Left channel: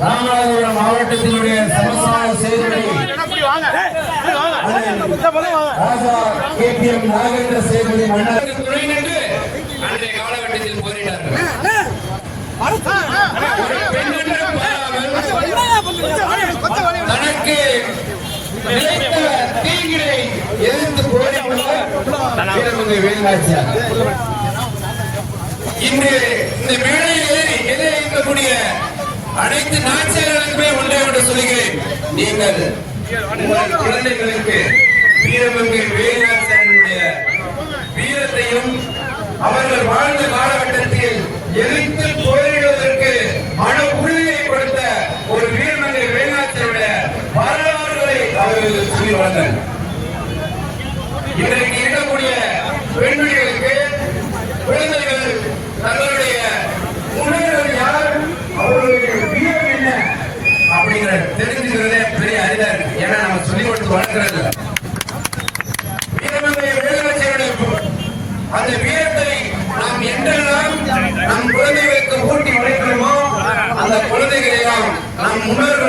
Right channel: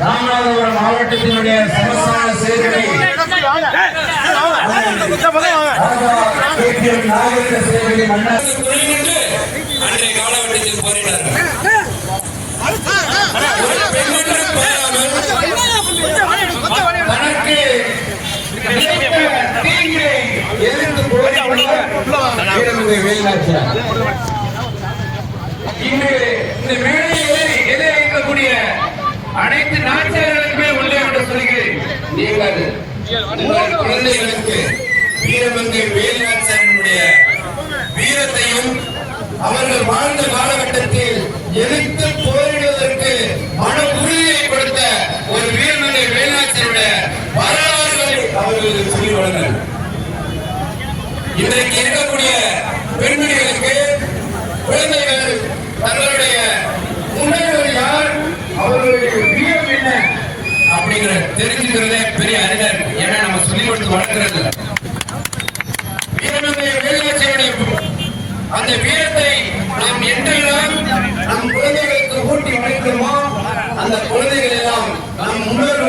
ராமநாதபுரம் மாவட்டத்தினுடைய சமஸ்தான செயல்களை நாகரிக சேவையை மன்னர் காலகட்டத்தில் போரிட்டார்கள் தனக்கு எதிர்த்து இன்று இந்த மேடையில் அனைத்து நீங்கள் மூன்று குழந்தைகளுக்கு வீரமங்கை வேலுநாச்சியனுடைய வீரத்தையும் அவர்கள் வாழ்ந்த காலகட்டத்தில் எதிர்த்து போரிடுவதற்கு மன உறுதியை கொடுத்த ஒரு வீரமங்கை வேலுநாச்சியனுடைய வரலாறுகளை அவர்களுக்கு சொல்லி வழங்க இன்றைக்கு இருக்கக்கூடிய அப்படிங்கிற தெரிஞ்சுக்கிறதே பெரிய அறிவா இருக்கு. ஏன்னா நம்ம சொல்லிக் கொடுத்து வளர்க்கிறது அந்த வீரத்தை நாம் என்றெல்லாம் நம் குழந்தைகளுக்கு ஊட்டி வளர்க்கிறோமோ அந்த குழந்தைகளை நாம் முன்னோர்கள்